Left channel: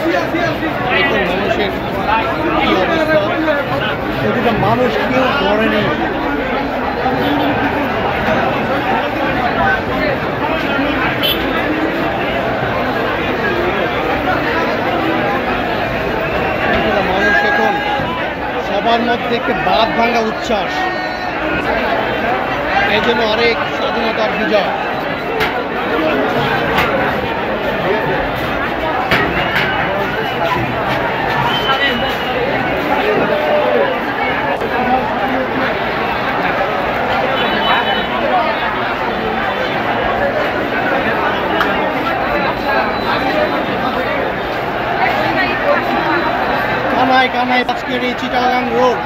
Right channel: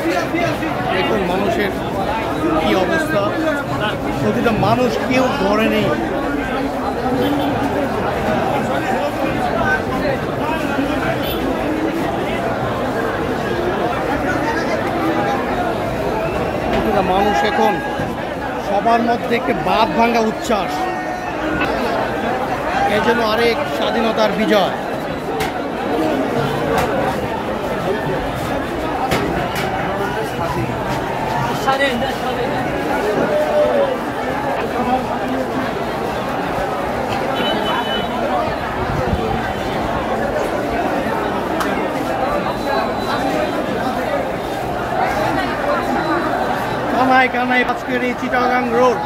এখন মানুষের কি অবস্থা, প্রতিটা মানুষ কেউ ঘরে নেই। প্রতিটা মানুষ এখন সবার মধ্যে একটি বাঁধ ভাঙ্গা উচ্ছ্বাস, এই জন্য আরেক স্বাধীনতার বিজয়। কানায় কানায় আজকের এই চিটাগাং রোড,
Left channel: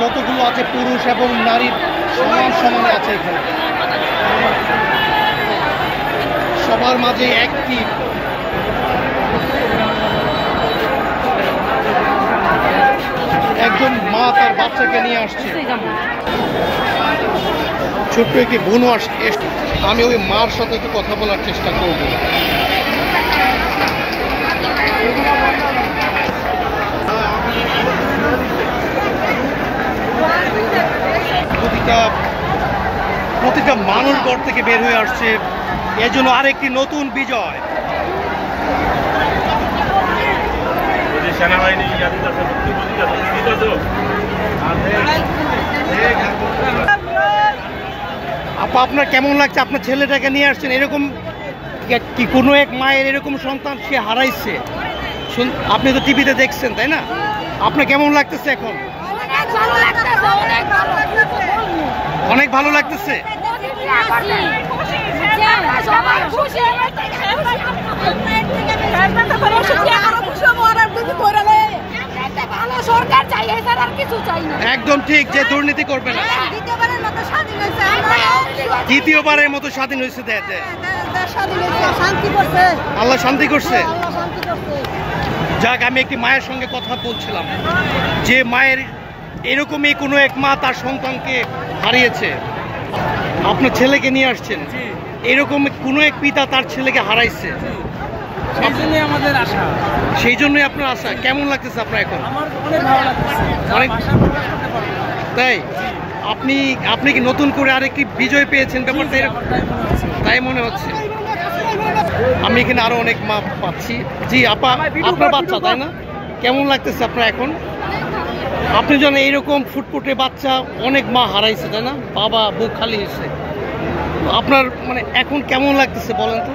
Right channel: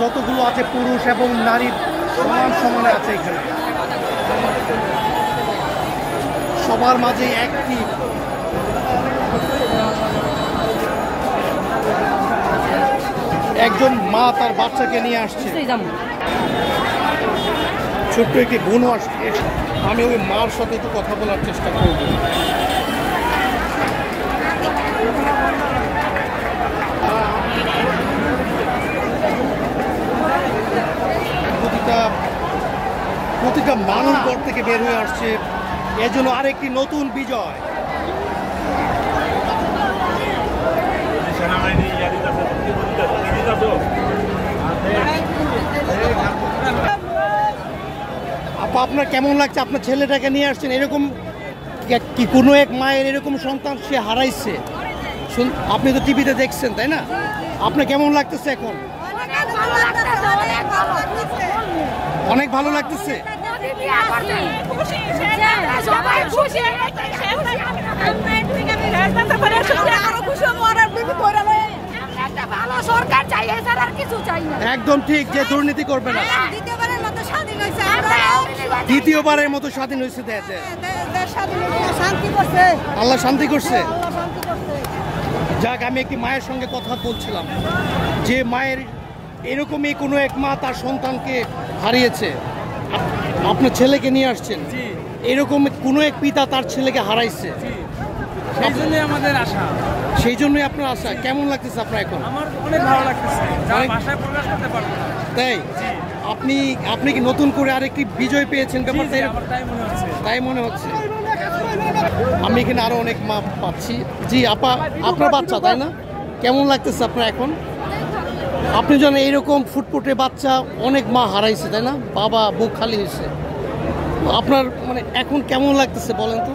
যতগুলো আছে পুরুষ এবং নারীর সমান সমানে আছে এখানে। সবার মাঝে একটি একজন মা তার বাচ্চাকে নিয়ে আসছে, ছোট্ট একটি বোনও আসছে। আমি ওই মার সাথে একটু কথা বলার চেষ্টা করব। প্রতিটা মানুষ ঘর থেকে বের হয়ে আসছে, এর জন্য আরেকটি নতুন বিজয়। আপা, আপনার কেমন লাগছে? আপনার ছেলেটাকে নিয়ে আসছেন, এরকম কি কোনো এক মায়ের এরকম সন্তান সে হারাইছে? আপনি তো টিভিতে দেখছেন, তাই না? আপনার কেমন লাগতেছে এখন? অনেক ভালো লাগতেছে। একদম ঠিক, যে দুর্নীতি করবে না। দ্বিতীয়বারের মতো স্বাধীন হয়েছে, আল্লাহ শান্তি করছে। যাক, আমি একটি মায়ের সঙ্গে কথা বলছিলাম, যে মায়ের এরকমই কোনো এক মা তার সন্তানকে হারিয়েছে। আপনার ছেলেকে নিয়ে আসছেন, এরকম কোনো এক পিতা তার ছেলেকে হারাইছে, আমাদের আশা। সেই জন্যই আপনার আশা। কেমন লাগতেছে আপনার এখন? আমার অনেক ভালো লাগতেছে, তাই আপনি কি নতুন করে আরেকটি বিজয় পেয়েছেন? ব্যাপারটা তাই মনে হচ্ছে। আমি এখানে আরো অনেক মা পাচ্ছি। জি আপা, আপনার বাচ্চা তাই না? কেমন লাগতেছে আপনার এখন? আপনি যেন এইরকম ফুটফুটে বাচ্চা অনেক মা হারাইছে, তাই না? বাবা বুক খালি হয়েছে। আপনার মানে এখন কেমন লাগতেছে বলেন তো?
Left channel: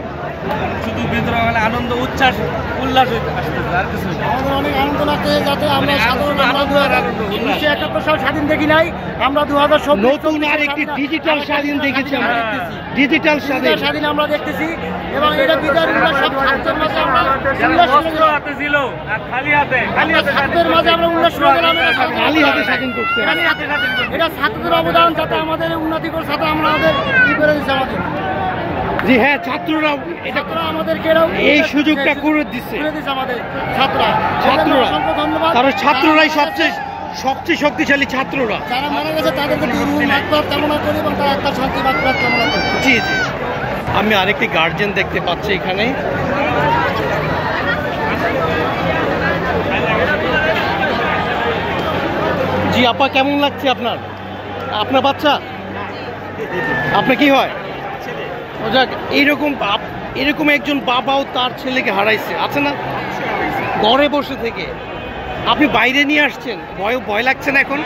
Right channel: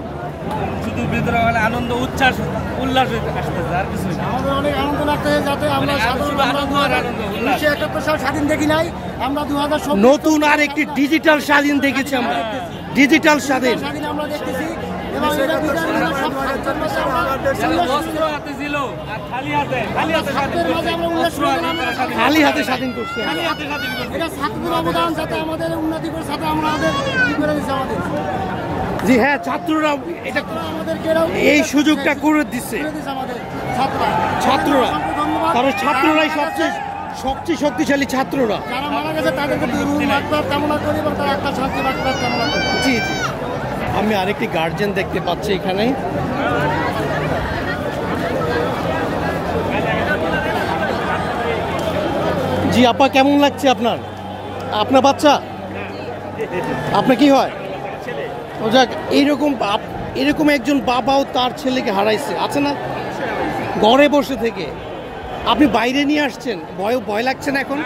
শুধু ভিতরে আনন্দ, উচ্ছ্বাস, উল্লাস আসতেছে, আর কিছু। আমাদের অনেক আনন্দ লাগতেছে, যাতে আমরা সাধারণ 1971 সাল স্বাধীন দেখি নাই, আমরা 2024 নতুন আর একটি ডিজিটাল স্বাধীন দেখেছি আমরা। ডিজিটাল স্বাধীন আমরা দেখতেছি, এবং এটা বিজয় ছিল খালি হাতে আমরা উল্লাস খালি হাতে স্বাধীন করছি। এটা ছাত্রদের অবদান, যাতে আমাদের উন্নতি করে, সাথে আমাদের কি করে দিচ্ছে আমাদের। জি হ্যাঁ, ছাত্ররা এটা আমাদেরকে এই সুযোগটা করে দিচ্ছে আমাদের ছাত্ররা, কারণ ছাত্ররাই সবচেয়ে শক্তিশালী। ছাত্ররা যারা মারা গেছে তাদেরকে মাগফিরাত কামনা করি এবং তার আত্মার শান্তি মাগফিরাত কামনা করি। জি জি। আমি আরেকটি গার্জিয়ান দেখতে পাচ্ছি এখানে। জি আপা, কেমন লাগছে আপনার? আপনার বাচ্চা? আপনার কি হয়? যাক, এরকম একজন বাবাও তার ছেলেকে হারাইছে, আছে না? ঘরে বসে থেকে আপনি বাইরে নিয়ে আসছেন, ভয় লাগছে না এখন?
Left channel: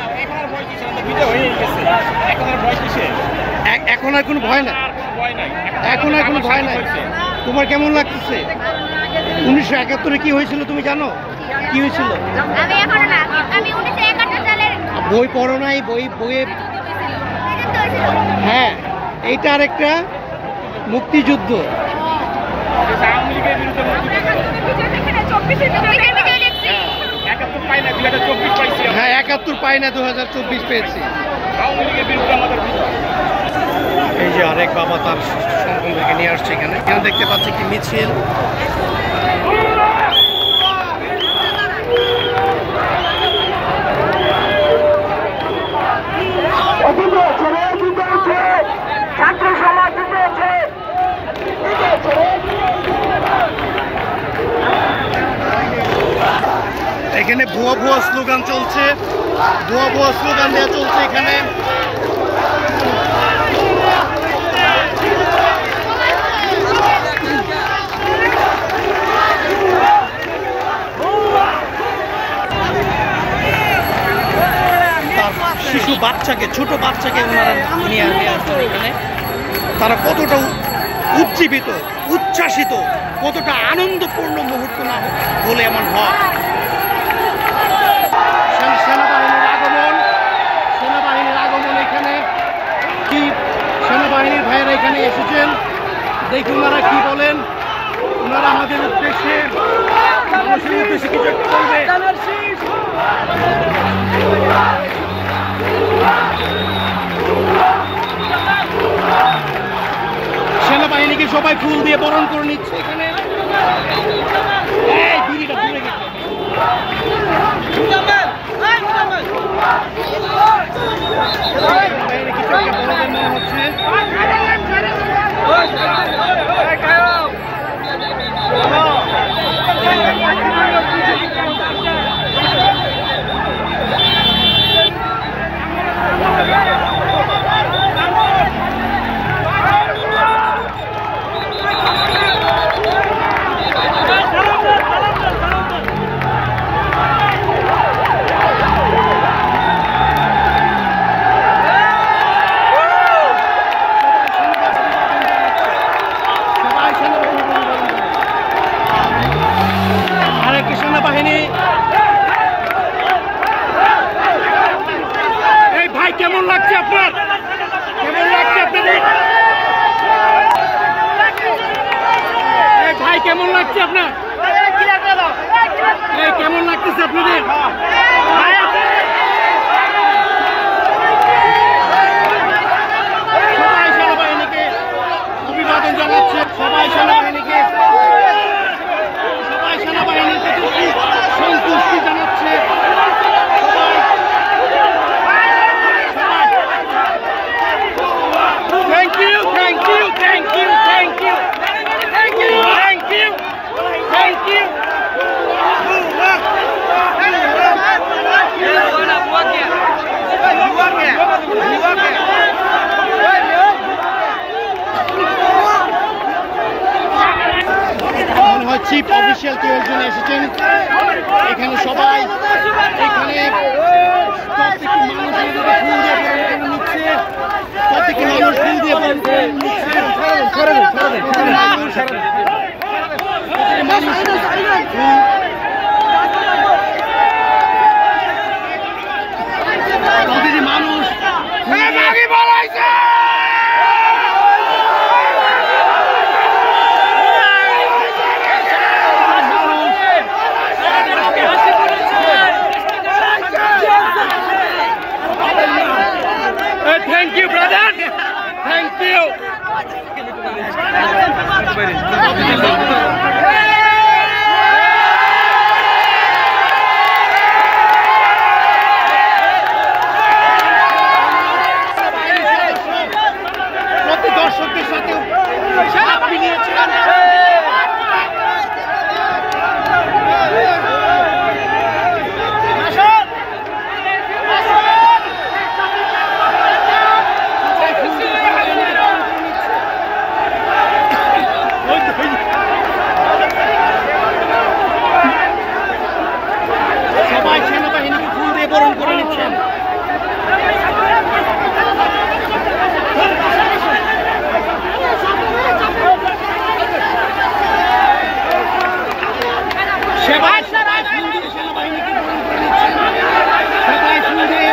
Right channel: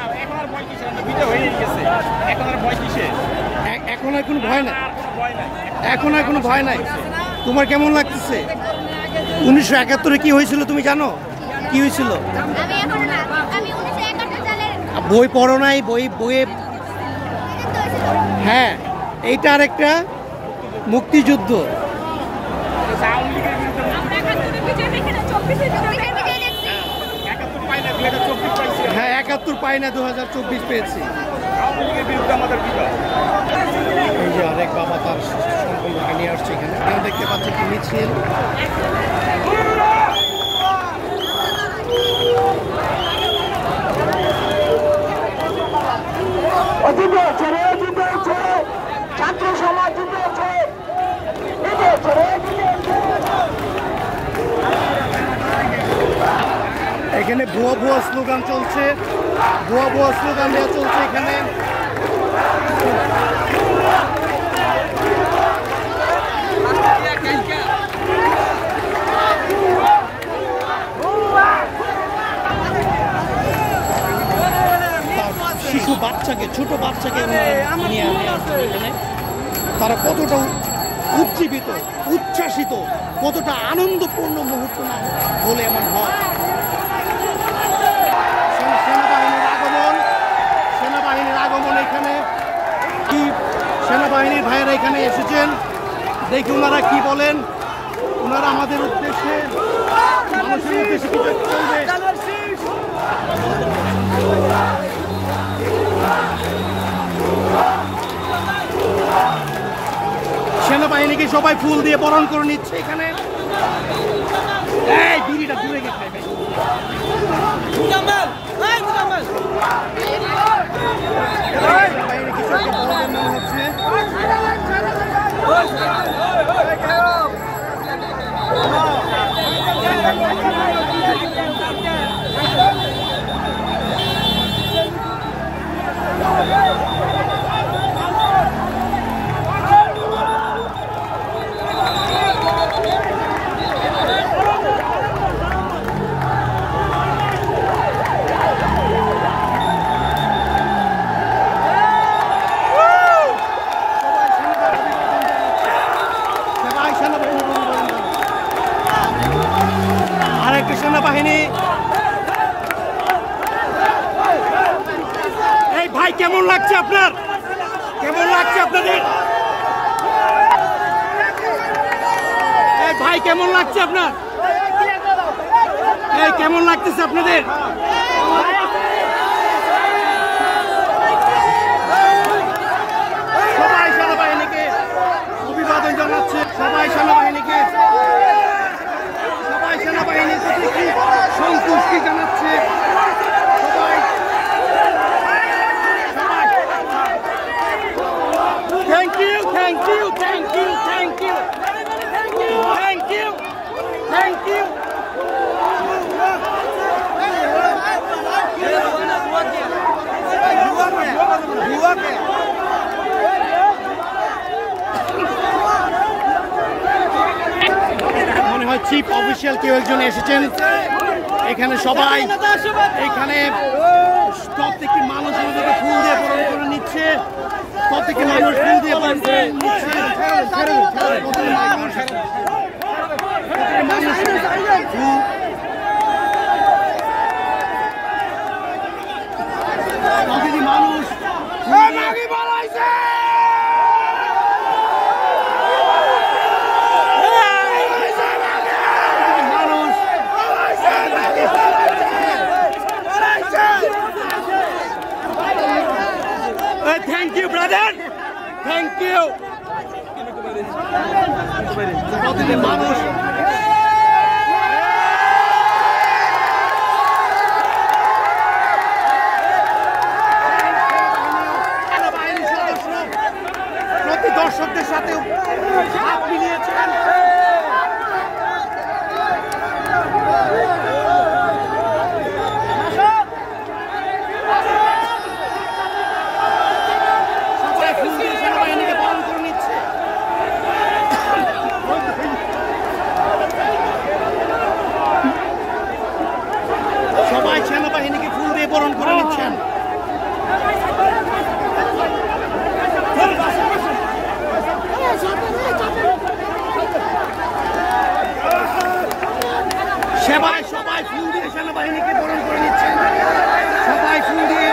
এখন আর কোনো ভয় নাই, এখন আর কোনো ভয় নাই। তোমার কেমন লাগতেছে? 1971 কি হয়েছিল তুমি জানো? কি হয়েছিল? বই পড়ো নাই? বইয়ে হ্যাঁ, এইটা আর একটা মুক্তিযুদ্ধ। হ্যাঁ, 71 পাই না, 2024 পেয়েছি। এই যে আরেক বাবা তার সন্তানদেরকে নিয়ে আসছে এখানে। দেখতে পাচ্ছি কি মিছিল। এখানে ভুয়া ভুয়া স্লোগান চলছে, ভুয়া ভুয়া স্লোগান দেওয়া চলছে এখানে। শিশু বাচ্চাকে, ছোট বাচ্চাকে ওনারা নিয়ে আসছেন এখানে। তারা কতটা উজ্জীবিত, উচ্ছ্বাসিত, কতটা আনন্দপূর্ণ মুহূর্ত না বলে এমন হয়। সেনাবাহিনীর আগমন, সেনাবাহিনীর আগমন এখানে। কি সেনাবাহিনীর ভাইয়েরা এখানে এসেছেন, দেখি ওনারা কি বলেন। ওনারা আমাদের উদ্দেশ্যে, মানুষের উদ্দেশ্যে কিছু বলবে। সেনাবাহিনীকে সবাই ফুল দিয়ে বরণ করে নিচ্ছে এখানে। এই বিড়িটা দূরে গেছে। সেনাবাহিনী কিছু একটা বলবেন মনে হচ্ছে। আরেকটি সেনাবাহিনী। এই ভাই কেমন লাগছে আপনার? কেমন লাগছে আপনাদের? এই ভাই কেমন লাগছে আপনার? এই কেমন লাগতেছে আপনাদের? সবাই সেনাবাহিনীকে অভিবাদন জানাচ্ছে, সবাই সেনাবাহিনীকে, সবাই সেনাবাহিনীর প্রতি সন্তুষ্টি জানাচ্ছে। সবাই thank you, thank you, thank you, thank you, thank you, thank you, thank you. মনে হয় চিফ অফিসিয়াল কেউ একজন এসেছেন এখানে। সবাই এখানে প্রত্যেকটি মানুষ আমাদেরকে ফুল দিয়ে বরণ করে নিচ্ছে, প্রত্যেকটি মানুষ ফুল দিয়ে বরণ করে নিচ্ছে। প্রতিটি মানুষ প্রতিটি মানুষ Thank you, brother. Thank you. প্রতি দর্শকদের সাথে হাত মিলিয়েছেন। সবাই সেনাবাহিনীকে ফুল দিয়ে বরণ করে নিচ্ছেন। সবাই সবাই ফুল দিয়ে সেনাবাহিনীকে বরণ করে নিচ্ছেন। সবাই ফুল দিয়ে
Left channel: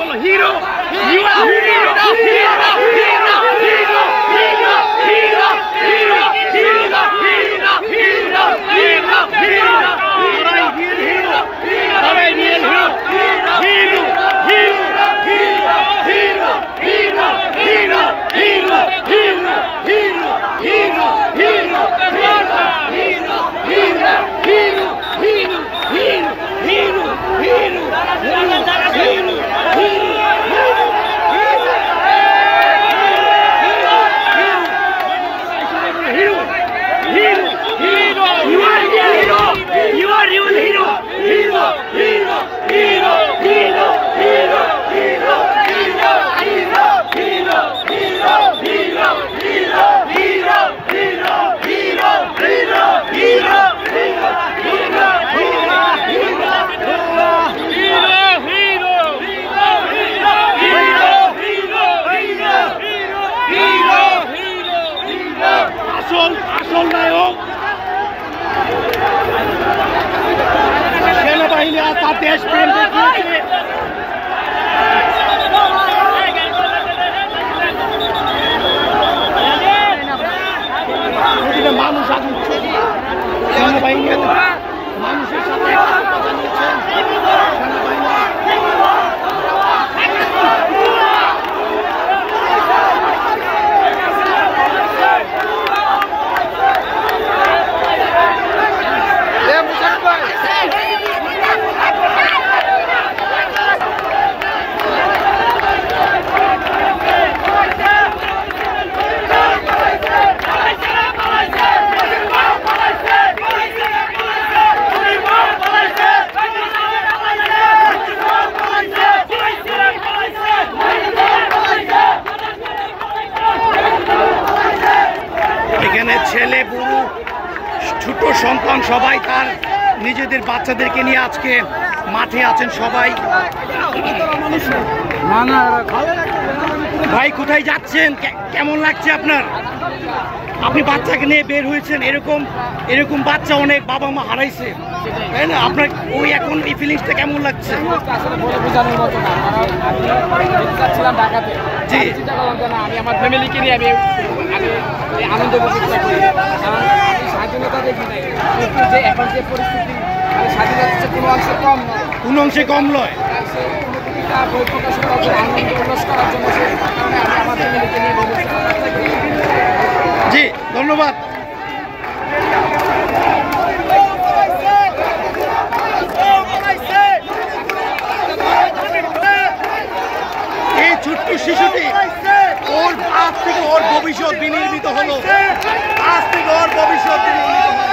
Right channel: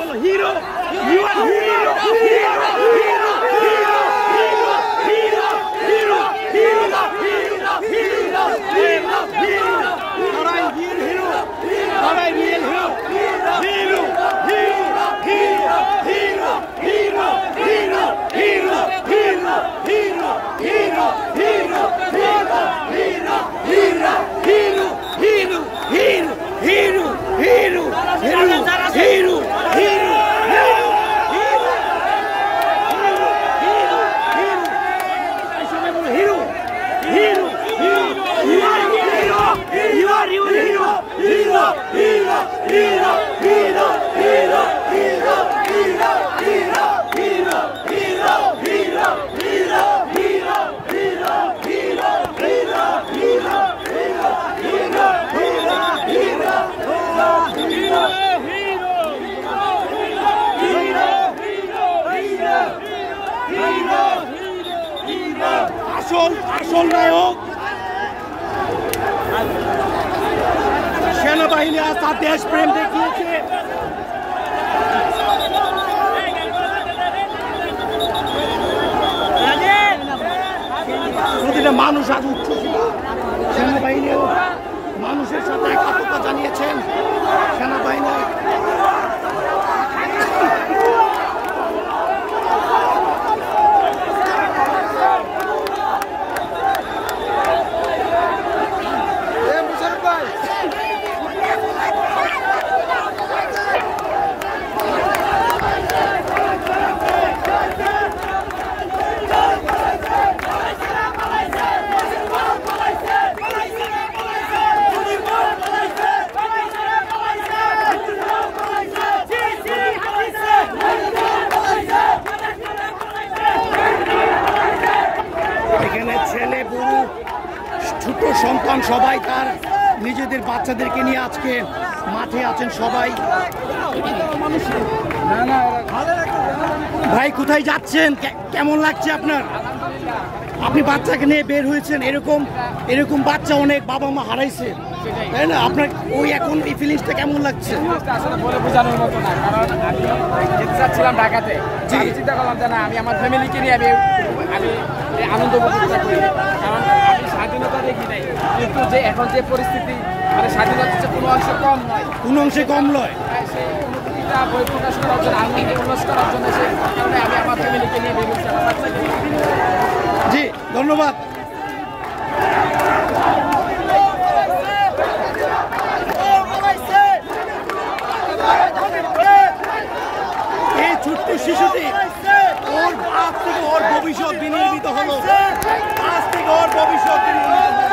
বলো hero, you are hero, hero, hero, hero, hero, hero, hero, hero, hero, hero, hero, hero, সবাই হিরো, সবাই hero, hero, hero, hero, hero, hero, hero, hero, hero, hero, hero, hero, hero, hero, hero, hero, hero, hero, আসল নায়ক সেনাবাহিনী আজ তার দেশপ্রেম দেখিয়েছে। প্রতিটা মানুষ আজ উচ্ছ্বসিত। সেনাবাহিনী মানুষের সাথে একতা জানিয়েছেন। সেনাবাহিনী এখানে ছেলে বুড়ো ছোট সন্তান সবাই তার নিজেদের বাচ্চাদেরকে নিয়ে আজকে মাঠে আছেন সবাই। ভাই কোথায় যাচ্ছেন, কেমন লাগছে আপনার? আপনি বাচ্চাকে নিয়ে বের হয়েছেন, এরকম বাচ্চা অনেক বাবা মা হারাইছে, তাই না? আপনার ওই এখন এই ফিলিংসটা কেমন লাগছে? আসলে বলে বোঝানোর মতো না, কারণ আমি ছিলাম ঢাকাতে, চিন্তা করলাম যে না আমি আমার ফ্যামিলিকে নিয়ে আমি এই আনন্দ উপভোগটা করি, কারণ আমি স্বাধীনতা দেখি নাই, কিন্তু যে এখন যে পরিস্থিতি মানে স্বাধীনতা কোনো অংশে কম নয়, কোনো অংশে কম নয়, সেই অনুভূতিটা বই প্রকাশ করার জন্য, আনন্দ উল্লাস করার জন্য, সেই কারণে আমি আমার ফ্যামিলিকে নিয়ে বেরিয়েছি, আমার বাচ্চাকে নিয়ে। জি ধন্যবাদ। এই ছোট্ট শিশুটি ওর আজ থেকে ওর ভবিষ্যৎ বিনির্মিত হলো, আজ থেকে ওর ভবিষ্যৎ বিনির্মিত হলো।